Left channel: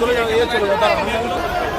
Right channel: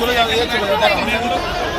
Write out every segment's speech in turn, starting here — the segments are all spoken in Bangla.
চলে যাও চলে যাও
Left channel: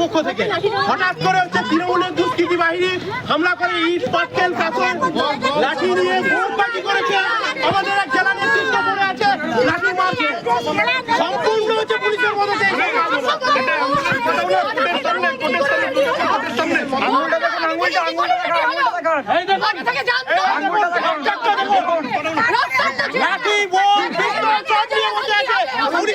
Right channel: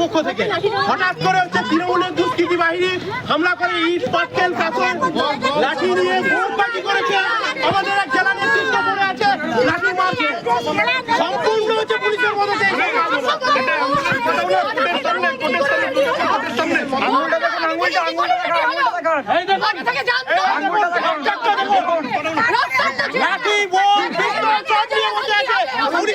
পক্ষ থেকে হঠাৎ করে হচ্ছে তৃণমূলের দুষ্কৃতি বাহিনী হামলা করে ইট পাটকেল পাথর লাঠি নিয়ে বোমবাজি করেছে। আমাদের এক জেলা নেতৃত্ব পড়ে আছে লাঠি মারছে সম্পূর্ণ হচ্ছে পুলিশের মদতে। আঙুলটা দেখুন। আঙুলটা দেখুন লাঠি বোম পিস্তল সব নিয়ে বসে আছে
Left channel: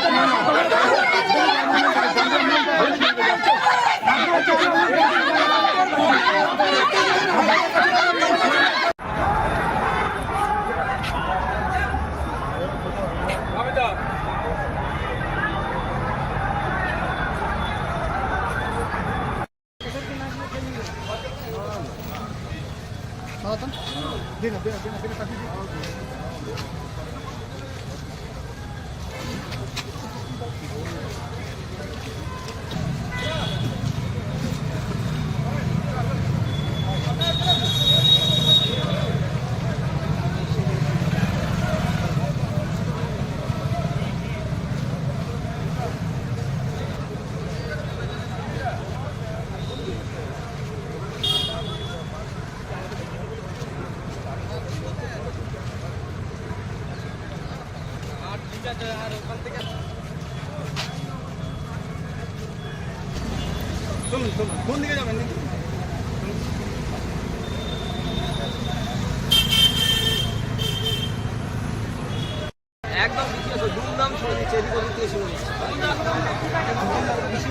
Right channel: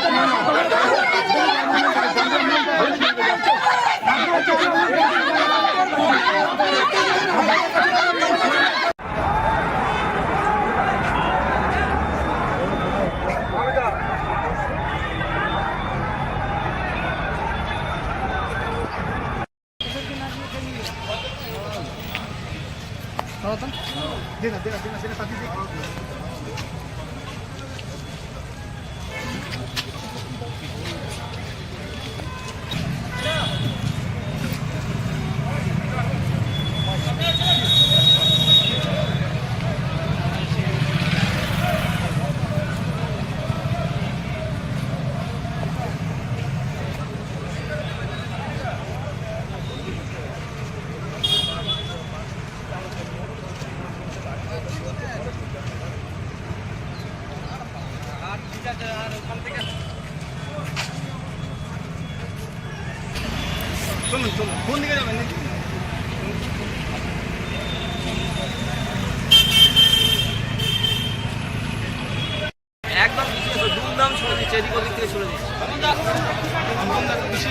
Thank you. ছুড়ে দিচ্ছে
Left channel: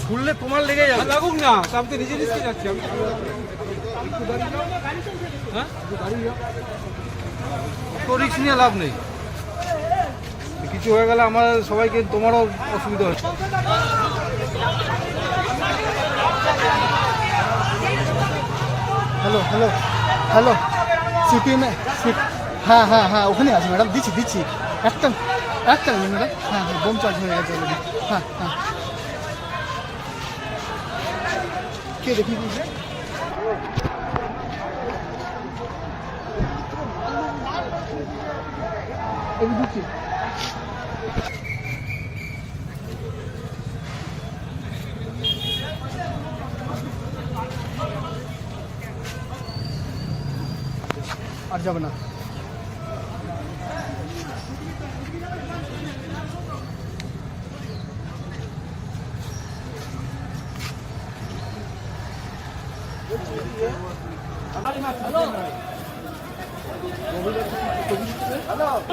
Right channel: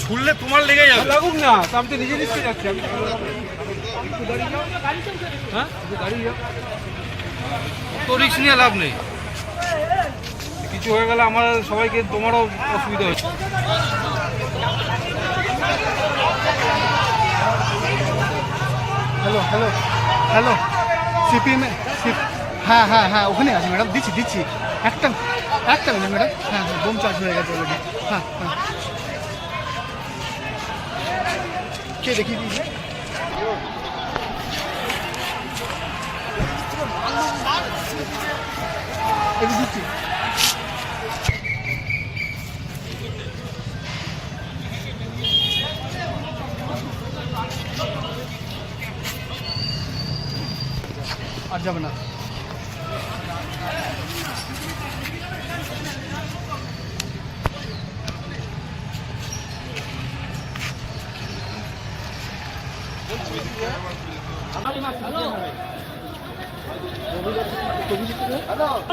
ছুড়লে তোমার লেগে যাবে। লাগুক না আমি তো নিজে নিচে যাচ্ছি আমি একটু দাঁড়িয়ে যাও। হ্যাঁ? দাঁড়িয়ে যাও। তো রিক্স নিয়ে লাভ নেই। কিছু হয়ে গেলে আমার সবাইকে তোমারও অসুবিধা হচ্ছে। হ্যালো হ্যালো হ্যালো সিপিএম সিপ হ্যাঁ হ্যাঁ হ্যাঁ ওখানে আছে ম্যাডাম দিচ্ছি দিচ্ছি। একটা একটা মিনিট ম্যাডাম হ্যাঁ হ্যাঁ বোম চার্জ হয়ে গেছে হ্যাঁ হ্যাঁ। কে দেখিয়ে দিয়েছে? যাবে না Hello.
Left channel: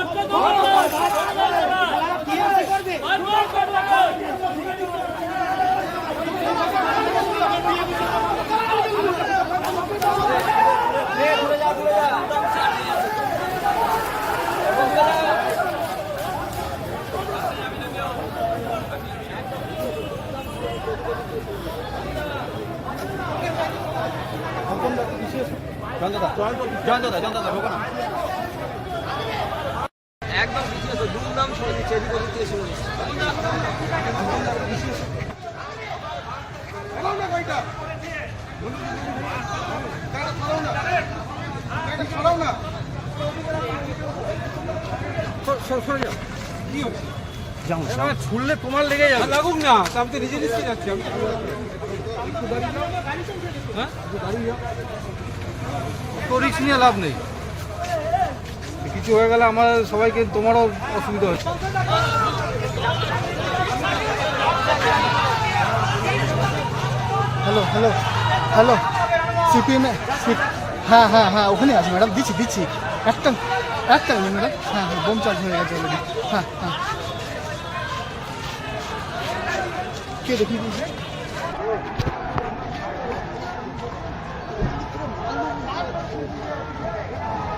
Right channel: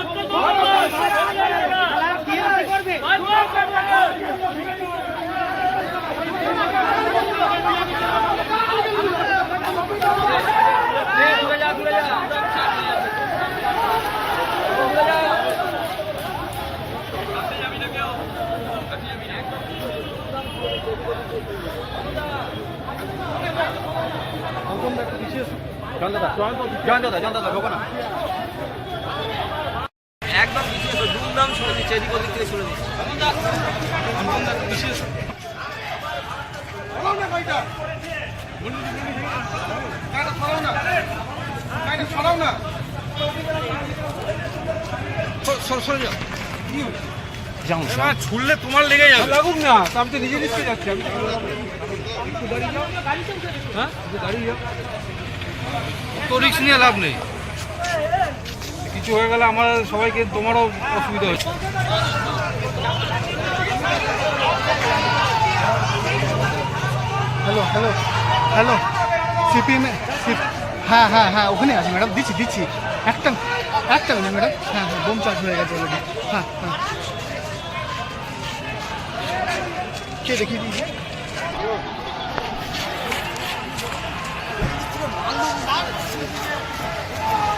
এটা দিচ্ছি আর যাবে না একদম পিছিয়ে এসো দুমদাম ছুড়ে দিচ্ছে এদিক ওদিক থেকে ছুড়ে দিচ্ছে ছুড়লে তোমার লেগে যাবে। লাগুক না আমি তো নিজে নিচে যাচ্ছি একটু দাঁড়িয়ে যাও। হ্যাঁ? একটু দাঁড়িয়ে যাও। তো রিক্স নিয়ে লাভ নেই। কিছু হয়ে গেলে আমার সবাইকে তোমারও অসুবিধা হচ্ছে। হ্যালো হ্যালো হ্যালো সিপিএম সিপ হ্যাঁ হ্যাঁ হ্যাঁ ওখানে আছে ম্যাডাম দিচ্ছি দিচ্ছি। একটা একটা মিনিট ম্যাডাম হ্যাঁ হ্যাঁ বোম চার্জ হয়ে গেছে অলরেডি হ্যাঁ হ্যাঁ। কে দেখিয়ে দিয়েছে?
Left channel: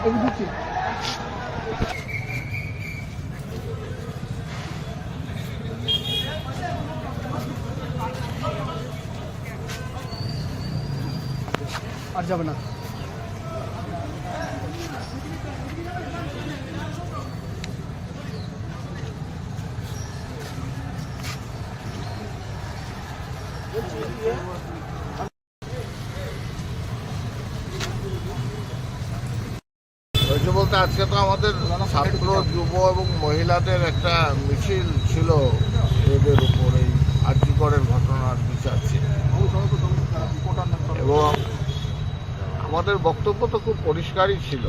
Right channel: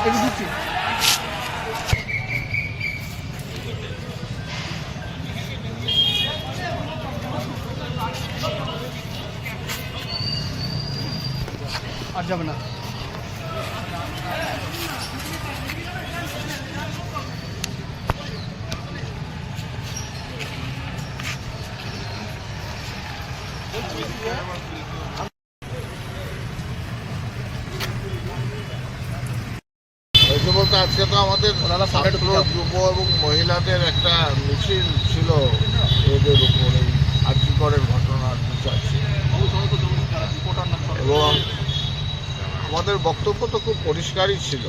এটা দিচ্ছি। আর যাবে না। তো আমাদের ছাত্র যুব। এবং মহিলাদের একটা মিছিল ছিল এদের উপর এই আর্যিকরের ঘটনার বিচার এবং আমাদের বক্তব্য তো খুব পরিষ্কারই ছিল।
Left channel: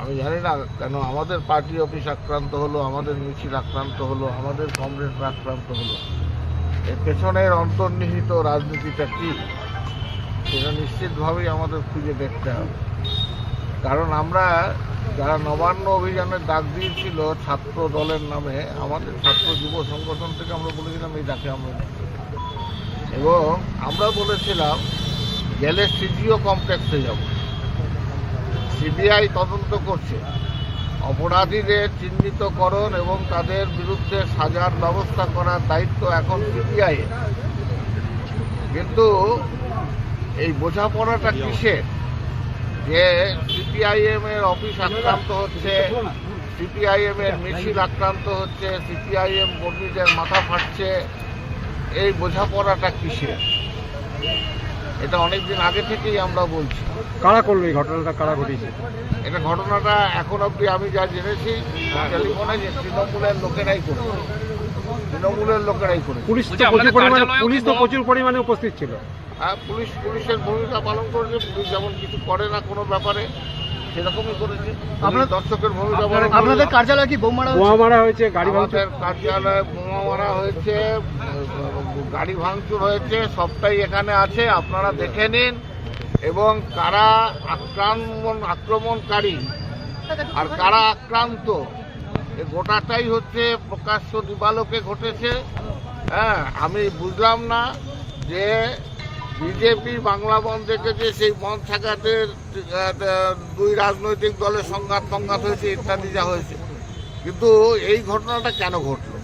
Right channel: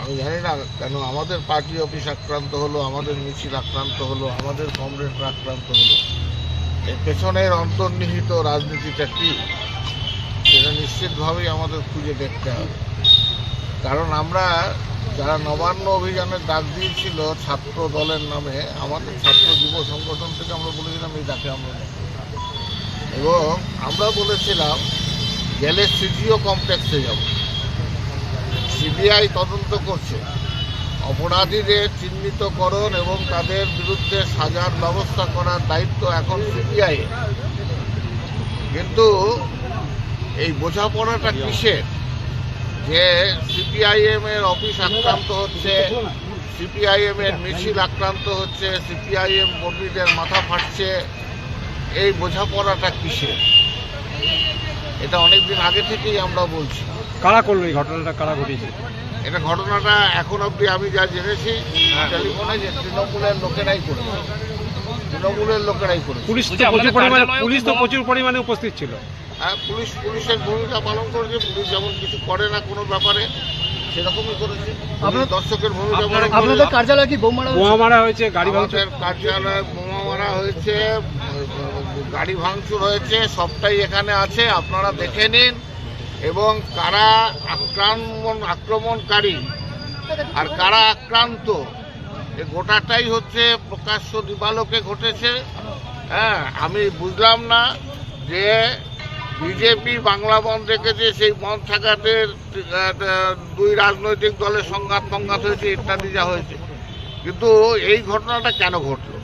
আমি জানি না কেন আমাদের পার্টি অফিস আক্রান্ত হলো আমাদের মিছিল আক্রান্ত হলো আমাদের কমরেডরা আক্রান্ত হলো। এর পেছনের অন্তর্নিহিত রাজনীতিটা কি সেটা নিশ্চিতভাবেই আমাদের খুঁজে দেখতে হবে। কারণ আমরা যারা নবান্ন অভিযানের ডাক দিয়েছিল ছাত্র দলের নামে, আমাদের ছাত্র যুব সংগঠন থেকে আমরা বলেছিলাম, এই ডাকে আমরা। এবং আমরা বলেছিলাম, গেলে সিজিও কমপ্লেক্সে যাব। সিবিআই তদন্ত করছে। অপরাধীদের চিহ্নিতকরণ এবং তাদের বিরুদ্ধে সাজার ব্যবস্থা করার দায়িত্ব এখন সিবিআই কিন্তু এই বোঝাপড়াটা কিসের? যে সিপিআইএম এর অফিস আক্রান্ত হচ্ছে সিপিআইএম এর মিছিল আক্রান্ত হচ্ছে সিপিআইএম কর্মীদের মাথা ফাটছে। এই বোঝাপড়াটা কিসের? এটা অনেকদিন আগে থেকেই আমরা বলছি। কারা করল এই ঘটনাটা? কারা ঘটিয়েছে? এটা ঘটনাটা এখন অবধি আমি যা জেনেছি টেলিফোনে যে তৃণমূলের লোকেরাই করেছে। তৃণমূলের লোকেরাই করেছে। পুলিশ তো প্রচুর পরিমাণে পুলিশ তো প্রচুর পরিমাণে উপস্থিত ছিল। হ্যাঁ পুলিশ পুলিশের ভূমিকা পালন করেছে পুলিশ যেমন কিছু করে না কোনো ব্যাপারে সেরকমই করেছে। দর্শকের ভূমিকা পালন আপনাদের করেছে কার্যালয়ে কি বোমা মারা হয়েছে গাড়ি ভাঙচুর। আমাদের কার্যালয়ে বোমা মারা হয়েছে গাড়ি ভাঙচুর হয়েছে সবটাই এখানে আছে আপনারা দেখে নিন। এবং কারা আক্রমণ আক্রমণকারী আর কারা আক্রান্ত এ গোটাটাই হচ্ছে প্রকাশ্য দিবালোকে ঘটেছে। হ্যাঁ আমি বুঝলাম না যে বিজেপি বাংলা বন্ধ রেখেছে সেই বন্ধ থাকাতে দুই রাজনৈতিক দলের সংঘাত সংঘাত হয়েছে ইত্যাদি যা হয়েছে। কিন্তু এই ঘটনাটা কেন ঘটলো?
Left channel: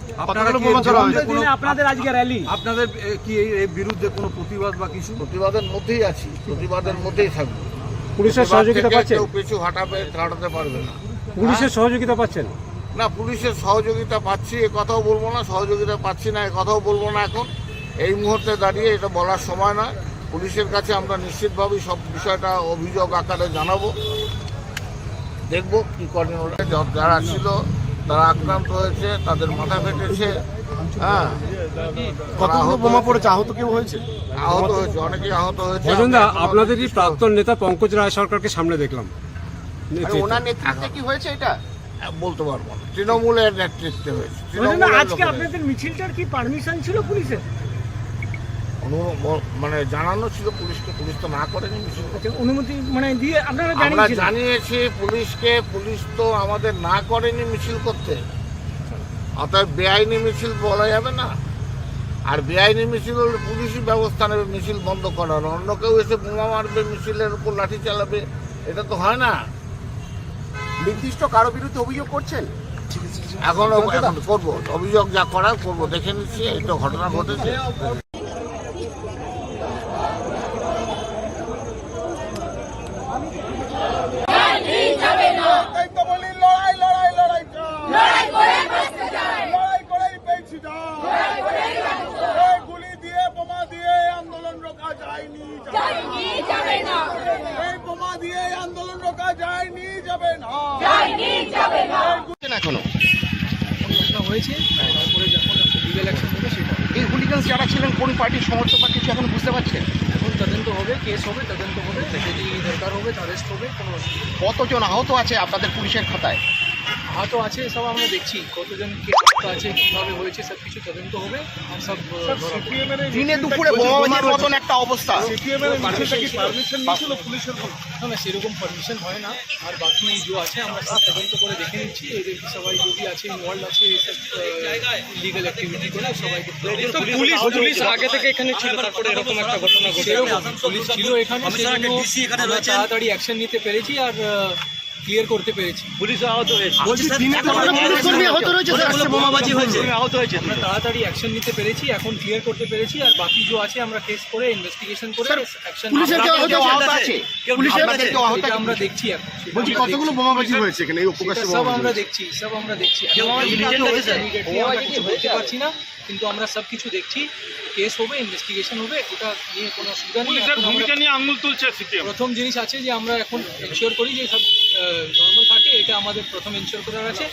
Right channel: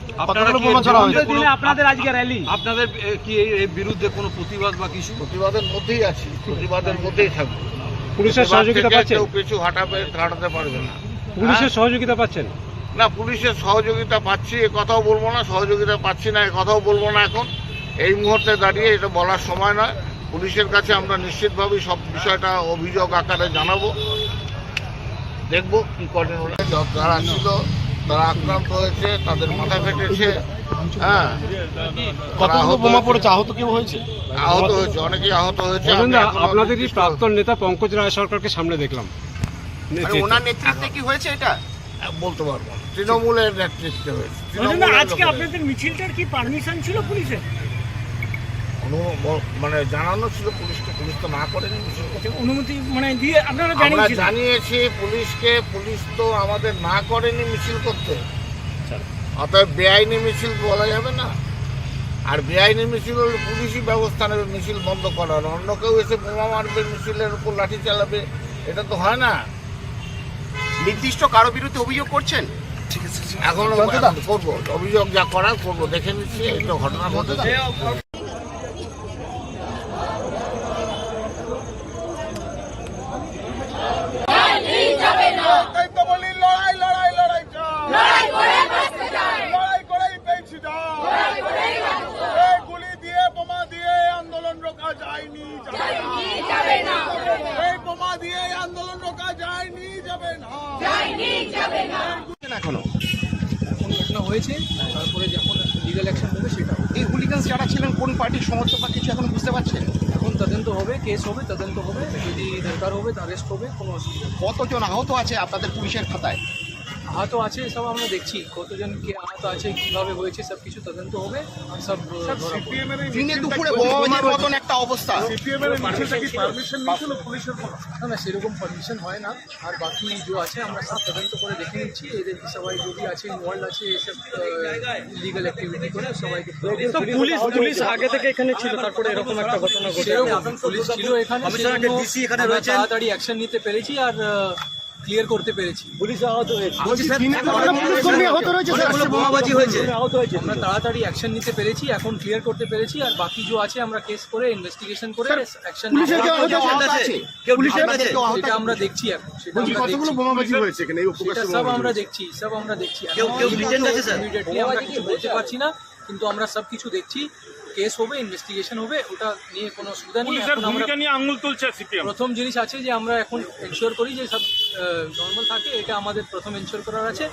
আপনাদের আজকে র্যালি আপনাদের কি এই এর বিরুদ্ধে কোনো প্রতিবাদ বা কিছু? প্রতিবাদের মধ্যেই আছি প্রতিবাদের মধ্যেই থাকবে। পুলিশের সহযোগিতা থেকে পাচ্ছেন? কেউ পিছু হাঁটাবে হাঁটাতে পারবে না। পুলিশের সহযোগিতা পাচ্ছেন? না পুলিশের সহযোগিতা পাচ্ছি এ কথাও বলব না সহযোগিতা পাচ্ছি না এ কথাও বলব না এখন। এই মুহূর্তে দাঁড়িয়ে এটা বলার সময় নয়। পুলিশের কাছে আমরা নিশ্চিতভাবেই সব বিষয়টা অভিযোগ আকারে জানাব। দেখব কি করেন ওরা। যারা ছিল তারা আক্রান্ত হয়েছে তাদের মাথা ফেটেছে। হ্যাঁ। আহত বোমা পড়েছে? আহত কেউ হয়েছে? আহত হয়েছে অনেকেই আহত হয়েছে। আপনাদের কি প্রাক্তন নেতা পঙ্কজ রায় সরকারকে সামনে দেখলাম? ওনার নেতৃত্বে কি হয়েছে এটা? বলতে পারব না। তৃণমূলের নেতৃত্বে হয়েছে। তৃণমূলের আজকে আপনাদের মিছিলটার কি পারমিশন ছিল পুলিশের? অনু- ব- মানে জানানো ছিল পুলিশকে পুলিশ তো না করেনি মিছিল অনুমতি মানে দিয়ে আপনারা আমরা জানিয়েছি পুলিশকে পুলিশ তো আমাদের না করেনি মিছিল করতে। অতএব বেআইনি মিছিল বলা যাবে না। আর বেআইনি মিছিল হলে পুলিশই ব্যবস্থা নেবে মিছিল বন্ধ করার অন্য কেউ এসে বোমা মারবে মিছিলের উপর লাঠি চালাবে এটা তো হয় না। নির্দিষ্ট কারও বিরুদ্ধে অভিযোগ করছেন? এখন এখন করব অভিযোগ যা করার করব দেখে নিচ্ছি এই তো ঘটনা ঘটেছে গুলি দিয়ে বোমা দিয়ে আন্দোলন যায়নি এই বোমা দিয়ে আন্দোলন রোকা যায়নি যাবে না। এখনও। ঘটনা হয়েছে? তারপরে যখন লিগাল অ্যাকশন হবে সেটা। এই হুলিগান যারা ছিলেন কোন পার্টির সমর্থক বা কিছু এখন বুঝতে পারছেন এখন তদন্ত হবে কেস হবে তদন্ত হবে। যদি দরকার হবে অ্যারেস্ট হবে কোনো কতজন আহত আছে আপনাদের পুলিশের খাতায়? আহত আছে সব আমরা দেখছি। কতজন কে আহত আছে কীভাবে হয়েছে সব কিছু তদন্ত হবে আর সব। দিনে দুপুরে বোমাবাজির মতন একটা অবস্থা। না না সেরকম পারমিশন হয় না। আর বাকি যে আছে আমরা সব তদন্ত করে দেখে নিচ্ছি। এদের সবাই যদি আছে ইনভলভ আছে এসব লিগাল অ্যাক্টিভিটি করে সবাইকে পুলিশ পুলিশ আগে থেকে এখানে ছিল তারপরে এরকম একটা ঘটনা ঘটে পুলিশ ছিল এখানে তাড়াতাড়ি অ্যাকশন নিতে পেরেছি। আর ক্লিয়ার করতে পেরেছি। পুলিশ আহত হয়েছে। পুলিশ আহত রয়েছে স্যার। বোমাবাজি হয়েছে আমরা তাড়াতাড়ি অ্যাকশন নিতে পেরেছি এখন ক্লিয়ার করতে পেরেছি আর বাকি যে আছে আমরা কেস করে ইনভেস্টিগেশন করে অ্যাকশন পুলিশের কেউ আহত আছে? পুলিশের কেউ আহত এটা আমরা দেখছি এখন। সেটা আমরা বোমাবাজি হয়েছে এখানে? এই সেটা সব আমরা দেখছি সব আমরা দেখছি। আমরা কিছু বলতে পারছি না কিন্তু আমরা সব কিছু দেখছি। কেস হবে ইনভেস্টিগেশন হবে ওটা নিয়ে কোনো অসুবিধা নেই। এখন আমরা আঙুল তুলছে প্রথম জিনিস আছে যে আমরা এখন এনশিওর করি যে সব নর্মাল থাকে এটা আমাদের প্রথম এনশিওর করার আছে।